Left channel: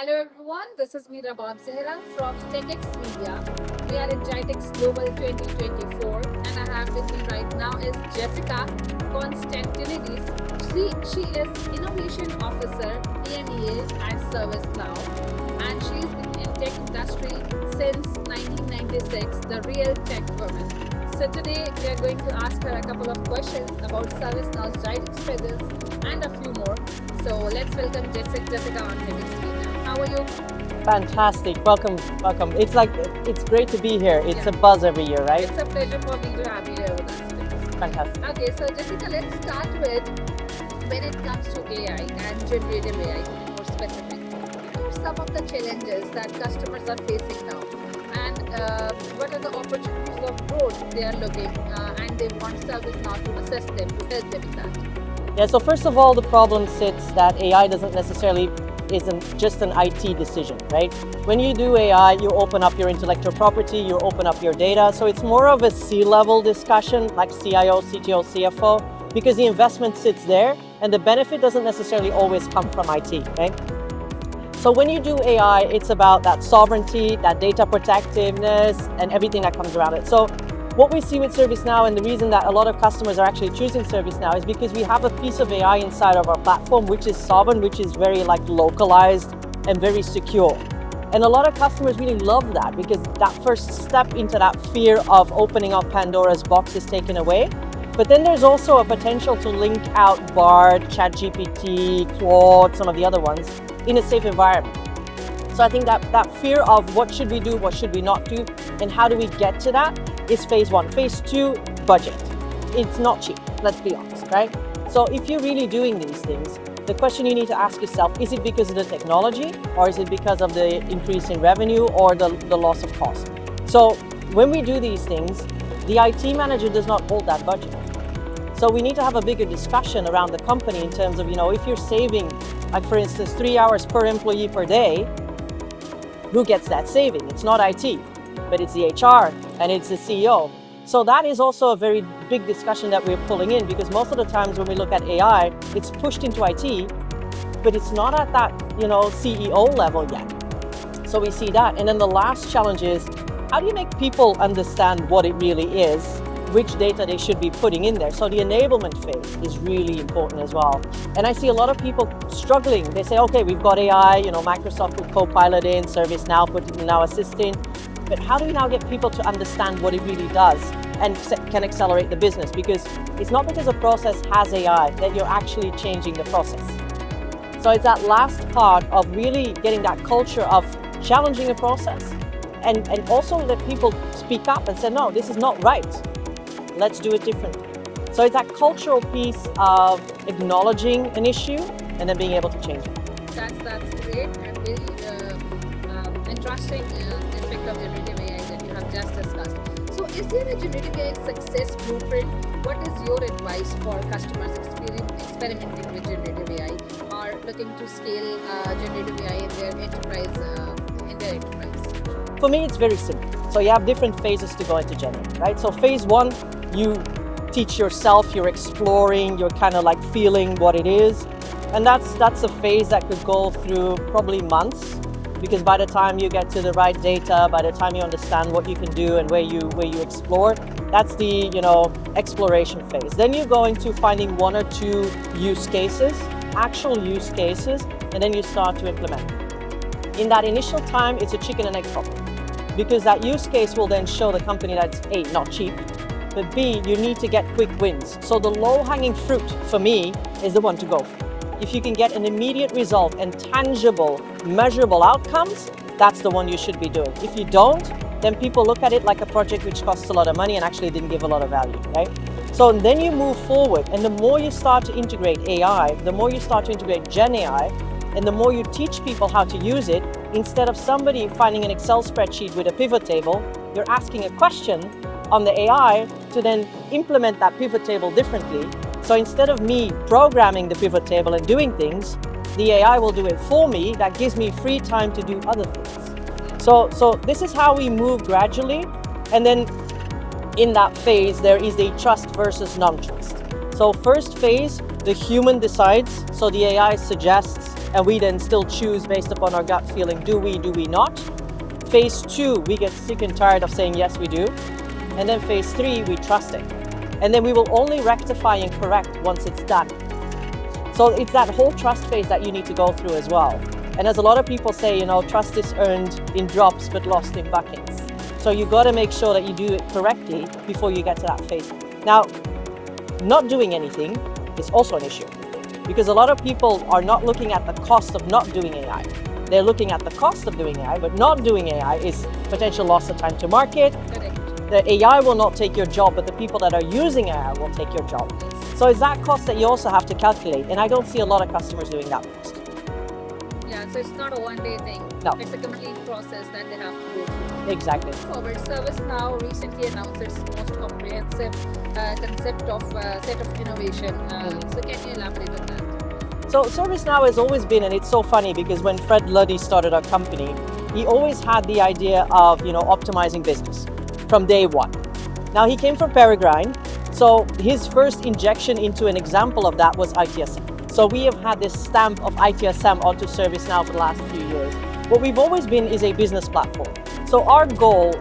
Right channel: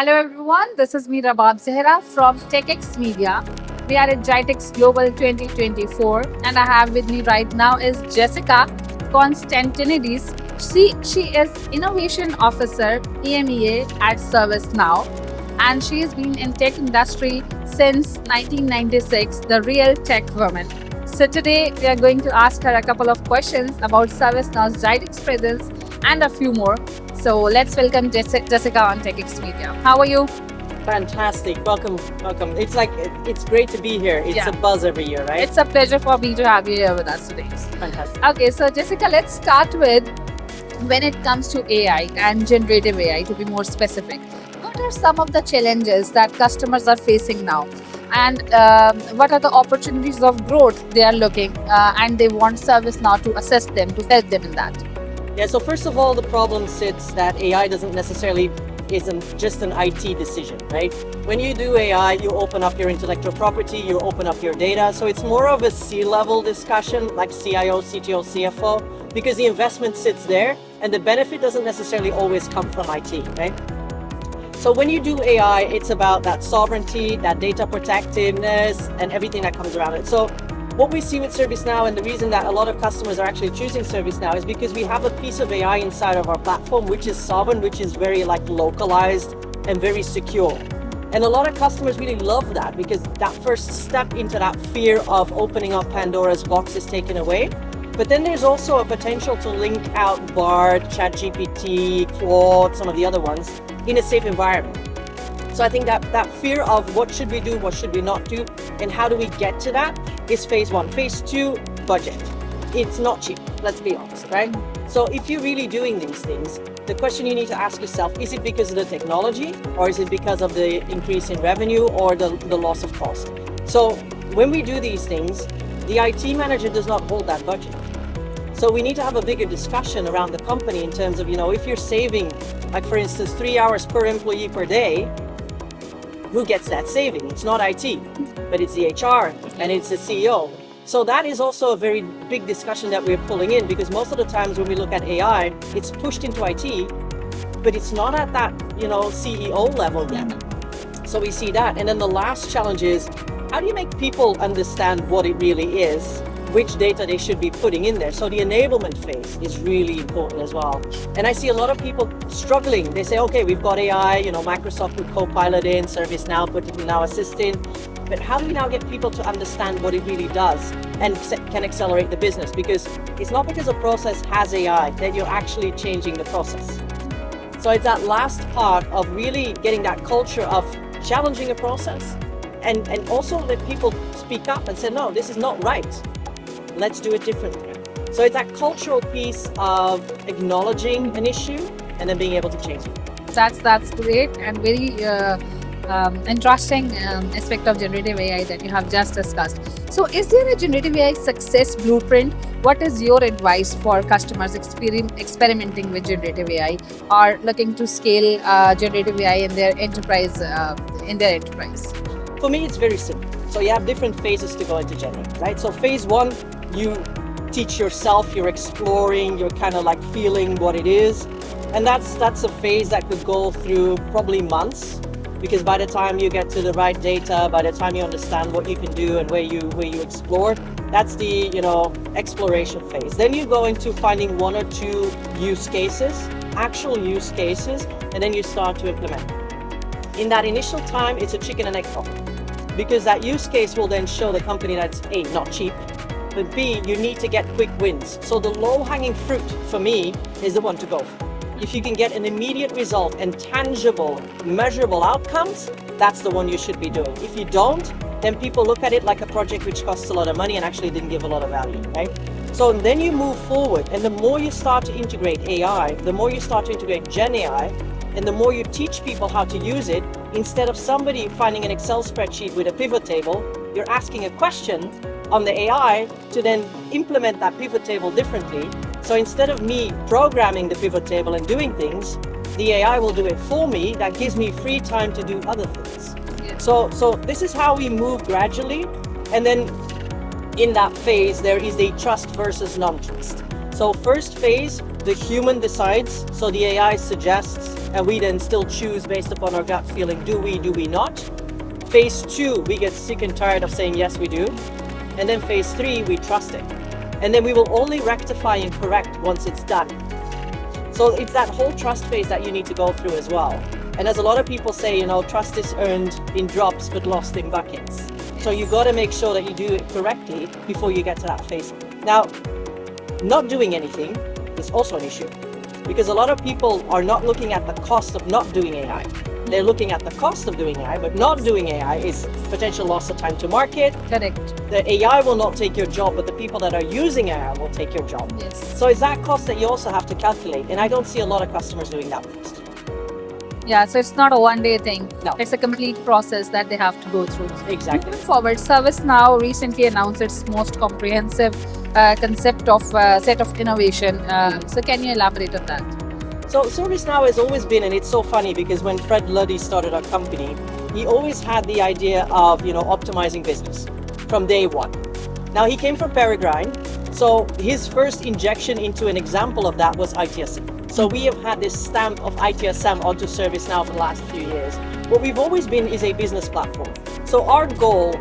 Hello everyone, this is me Rabab Zehra from TECHx Media. We are at GITEX Global 2024 and I have with me right now is Jessica Constantinidis. She is Innovation Officer EMEA at ServiceNow and she has been in tech industry since 1996, the real tech woman. So today we are going to ask her a couple of questions about ServiceNow's GITEX presence and a few more. So let's welcome Jessica on TECHx Media. How are you? Fantastic. Welcome. It's great to be here. It's a buzz every year, right? It's a pleasure for me to have you here with us today. Fantastic. Okay, so Jessica, let's start with when it comes to AI and generative AI, to be more specific. What are some of the challenges that customers are facing now? And what are the opportunities of growth they are looking and they want ServiceNow to assist them, to help them in that? Yeah, so first of all, the problem sits that AI isn't just an IT decision, right? When you do AI, you open up your intellectual property, you open up your data. So it's more of a C-level discussion, like CIO, CTO, CFO, because the investment sits there and the benefit doesn't necessarily always come from IT, right? So when you do AI, it's about that sovereignty, that data protectiveness, and everything that comes around it. So what we see with ServiceNow, and the reason that a lot of customers are actually choosing ServiceNow, is because we have a piece of AI inside of our platform, which is sovereign, which is very localized and very secure. And a lot of customers really love that because that first step into that fear of opening up Pandora's box is taken away. But then there's also a potential to link out Bard, ChatGPT, Claude, some of the other ones in a safe environment. So I think that fear of what should we do, what should we not do, and how do we get to that is phase one. Phase two, budget. It's not cheap, let's be honest, right? So if you're really doing these things, the question you need to ask yourself, is it because of the technology or is it because of the increase in revenue or the loss of cost? So when we do these things, the IT manager does not hold that budget. So we need to have a bigger discussion around the company in terms of, if you're saving, like for instance, 3 hours per employee per day, who gets that saving? It's not IT, but it's the HR and it's the CEO. So that is also a very big discussion that we're pulling in because most of the times when we look at AI, it's pushed into IT, but it's not at that, CEO level yet. So we see that. And then the last challenge is, how do you make people understand what it really is, which data they should be putting in there? So the enablement phase is really important as well. And I see a lot of people struggling. They say, okay, we've got AI, Microsoft put Copilot in, ServiceNow put it in Now Assistant. But how do we now get people to understand what it really does and can accelerate the business? Because it's not because a process has AI that you're actually changing the process. So it's that last part of really getting that culture of challenging a process and also let people speak up and say, no, this is not right. Let's do it differently. So it's that cultural piece of acknowledging an issue and then being able to change it. That's great and very interesting aspect of generative AI that you have just discussed. So is there a generative AI success blueprint? What is your advice for customers experimenting with generative AI or looking to scale generative AI in their enterprise? For me, it's very simple. So you have different phases to go into GenAI, right? So phase one, you teach yourself, you're exploring, you're kind of like feeling what it is. And that's a phase that could go through probably months, because by the time you get to the right data, by the time you understand what you can do and where you explore, that's the exploration phase. Then you go into finding one or two actual use cases, and then you start to implement. In that initial time, it's a chicken and egg problem, because that use case will then show the company that it's A, not cheap, but B, you need to get quick wins. So the low-hanging fruit for me is the one to go for. If you can get an immediate result and tangible, measurable outcomes, that's the one you should be doing. If you don't, then people look at it like a project which costs a lot of money and actually didn't give a lot of value, right? So then you move forward, and the more you start to integrate AI, the more you start to integrate GenAI, and the more you teach people how to use it, instead of somebody finding an Excel spreadsheet with a pivot table, you're asking a question on the AI to then implement that pivot table differently. So instead of me programming the pivot table and doing things, the AI will do it for me. That gives me free time to do other things. Yeah. So this is how we move gradually. And then in that phase, there is a trust versus non-trust. So first phase, the human decides. So the AI suggests, and we then still choose based upon our gut feeling, do we not? Phase 2, we get sick and tired of saying yes, we do. And then phase 3, we trust it. And then we will only rectify and correct once it's done. So it's that whole trust phase that you need to go through as well. And as a lot of people say, trust is earned in drops but lost in buckets. So you've got to make sure that you do it correctly before you get to that phase. Now, not doing anything is also an issue, because a lot of people are not looking at the cost of not doing AI. They're looking at the cost of doing AI, but not doing AI is potential loss of time to market. Correct. The AI will not take your job, but the people that are using AI will take your job. Yes. So it's that cost that you also have to calculate, and I don't see a lot of customers doing that first. Yeah, so it's not a one-day thing. No. It's a complete process that they have to go through. Exactly. Moving forward, ServiceNow recently announced its most comprehensive concept of set of innovation. So can you elaborate on that? So ServiceNow has always been, and it's so funny because when Fred Luddy started our company, he always had the idea of, optimizing business from day one. Now he came from Peregrine, so his first injection into an example of that was ITSM. So we have had this stamp of ITSM onto ServiceNow for the last few years. What we've always been is a business platform. So our goal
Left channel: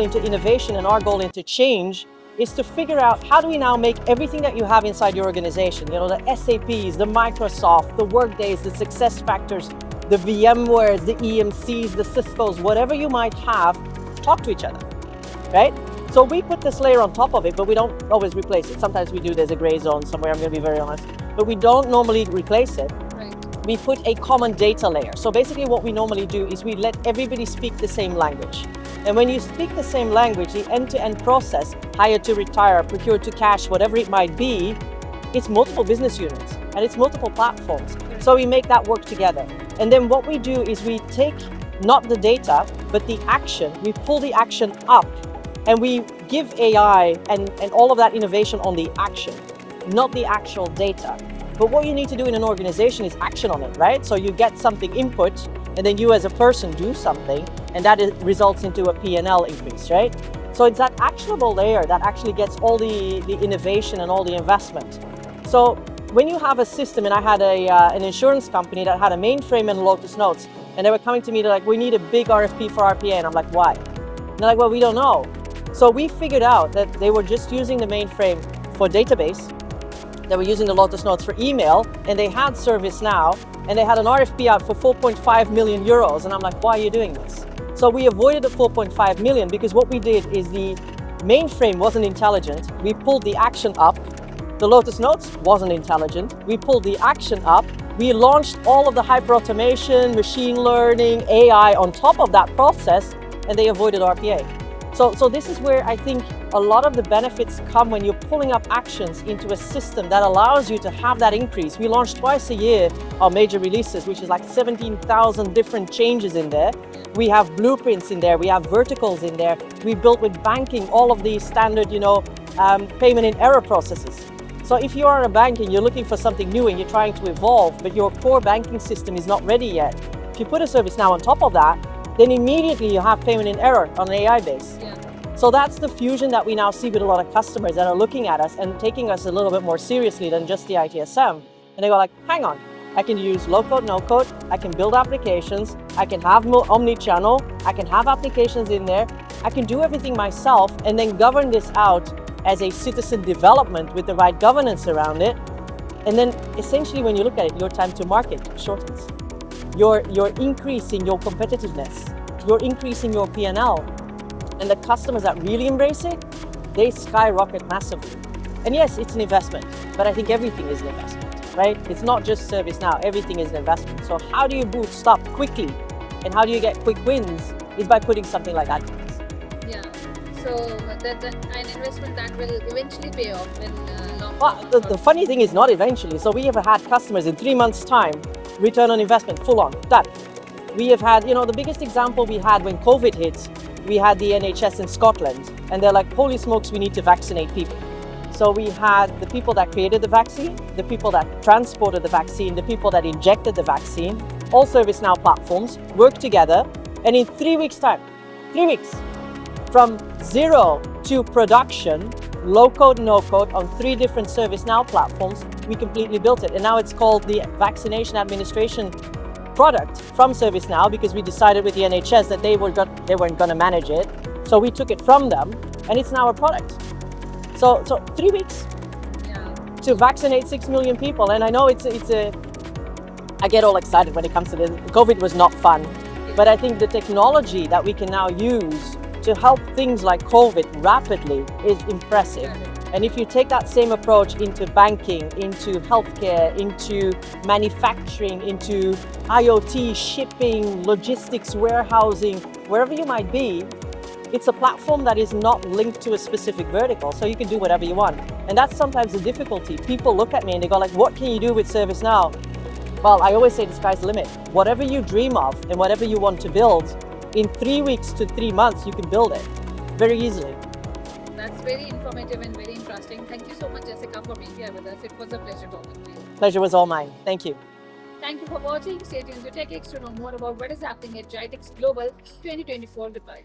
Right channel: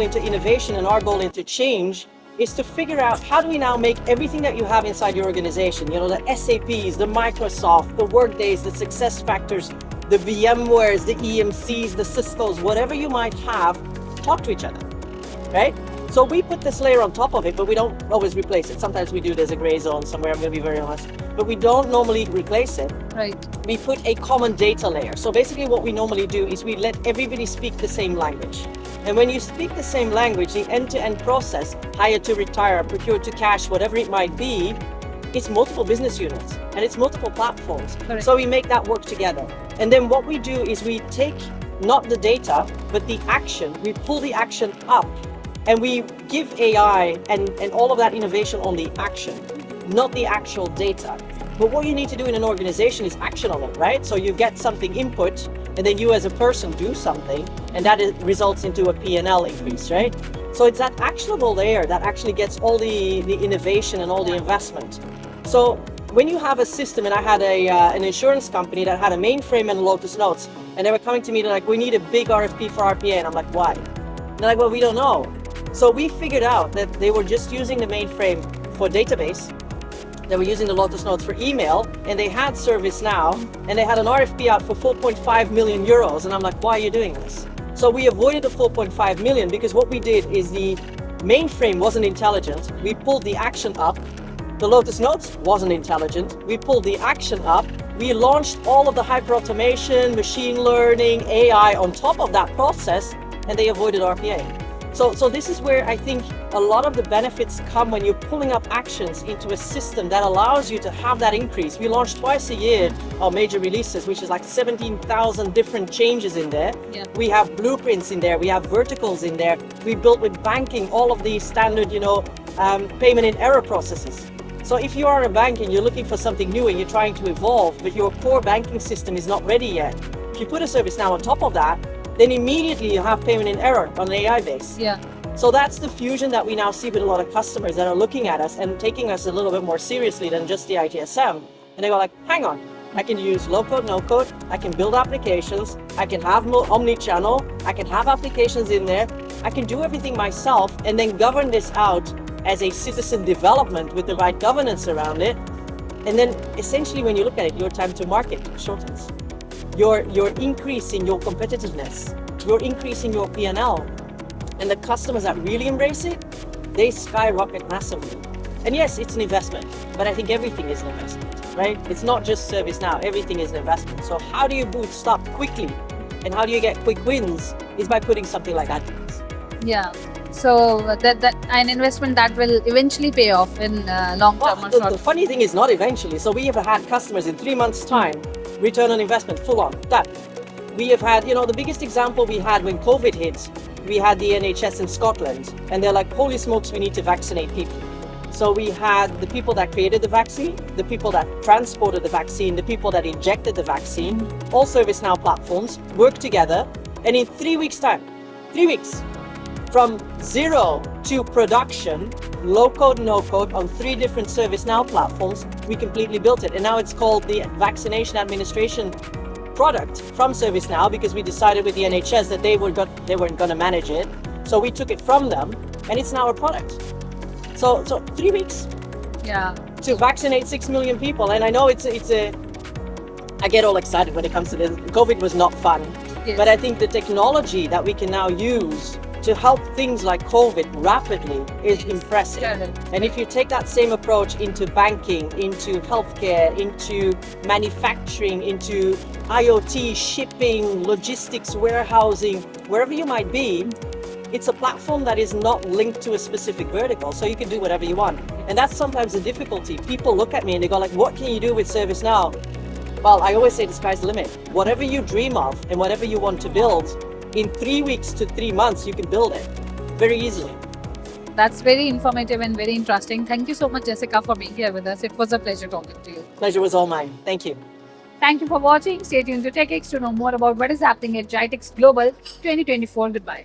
into innovation and our goal into change is to figure out how do we now make everything that you have inside your organization, the SAPs, the Microsoft, the Workdays, the SuccessFactors, the VMwares, the EMCs, the Ciscos, whatever you might have, talk to each other, right? So we put this layer on top of it, but we don't always replace it. Sometimes we do, there's a gray zone somewhere, I'm gonna be very honest, but we don't normally replace it. Right. We put a common data layer. So basically what we normally do is we let everybody speak the same language. And when you speak the same language, the end-to-end process, hire to retire, procure to cash, whatever it might be, it's multiple business units and it's multiple platforms. Correct. So we make that work together. And then what we do is we take not the data, but the action, we pull the action up and we give AI and all of that innovation on the action, not the actual data. But what you need to do in an organization is action on it, right? So you get something input, and then you as a person do something, and that results into a P&L increase, right? So it's that actionable layer that actually gets all the innovation and all the investment. So when you have a system, and I had an insurance company that had a mainframe and Lotus Notes, and they were coming to me, they're like, we need a big RFP for RPA, and I'm like, why? And they're like, well, we don't know. So we figured out that they were just using the mainframe for database, they were using the Lotus Notes for email, and they had ServiceNow, and they had an RFP out for 4.5 million euros. And I'm like, why are you doing this? So we avoided the 4.5 million because what we did is the mainframe wasn't intelligent. We pulled the action up. The Lotus Notes wasn't intelligent. We pulled the action up. We launched all of the hyperautomation, machine learning, AI on top of that process, and they avoided RPA. So this is where I think a lot of the benefits come when you're pulling up actions into a system that allows you to have that increase. We launch twice a year our major releases, which is like 17,000 different changes in there. Yeah. We have blueprints in there. We have verticals in there. We built with banking all of the standard, payment in error processes. So if you are a bank and you're looking for something new and you're trying to evolve, but your core banking system is not ready yet, if you put a ServiceNow on top of that, then immediately you have payment in error on an AI base. Yeah. So that's the fusion that we now see with a lot of customers that are looking at us and taking us a little bit more seriously than just the ITSM. And they go like, hang on, I can use low code, no code, I can build applications, I can have omni-channel, I can have applications in there, I can do everything myself and then govern this out as a citizen development with the right governance around it. And then essentially when you look at it, your time to market shortens. You're increasing your competitiveness, you're increasing your P&L. And the customers that really embrace it, they skyrocket massively. And yes, it's an investment, but I think everything is an investment, right? It's not just ServiceNow, everything is an investment. So how do you bootstrap quickly? And how do you get quick wins? Is by putting something like GITEX. Yeah. So that an investment that will eventually pay off in long term or short. The funny thing is not eventually. So we have had customers in 3 months' time, return on investment, full on, done. We have had, the biggest example we had when COVID hit, we had the NHS in Scotland, and they're like, holy smokes, we need to vaccinate people. So we had the people that created the vaccine, the people that transported the vaccine, the people that injected the vaccine, all ServiceNow platforms work together, and in 3 weeks' time, 3 weeks, from zero to production, low code, no code, on 3 different ServiceNow platforms, we completely built it. And now it's called the vaccination administration product from ServiceNow, because we decided with the NHS that they weren't going to manage it. So we took it from them, and it's now a product. So 3 weeks Yeah. to vaccinate 6 million people. And I know I get all excited when it comes to this. COVID was not fun, Yes. but I think the technology that we can now use to help things like COVID rapidly is impressive. Correct. And if you take that same approach into banking, into healthcare, into manufacturing, into IoT, shipping, logistics, warehousing, wherever you might be, it's a platform that is not linked to a specific vertical, so you can do whatever you want. And that's sometimes a difficulty. People look at me and they go like, what can you do with ServiceNow? Well, I always say the sky's the limit. Whatever you dream of and whatever you want to build, in 3 weeks to 3 months, you can build it very easily. That's very informative and very interesting. Thank you so much, Jessica, for being here with us. It was a pleasure talking to you. Pleasure was all mine. Thank you. Thank you for watching. Stay tuned to TechX to know more about what is happening at GITEX Global 2024. Goodbye.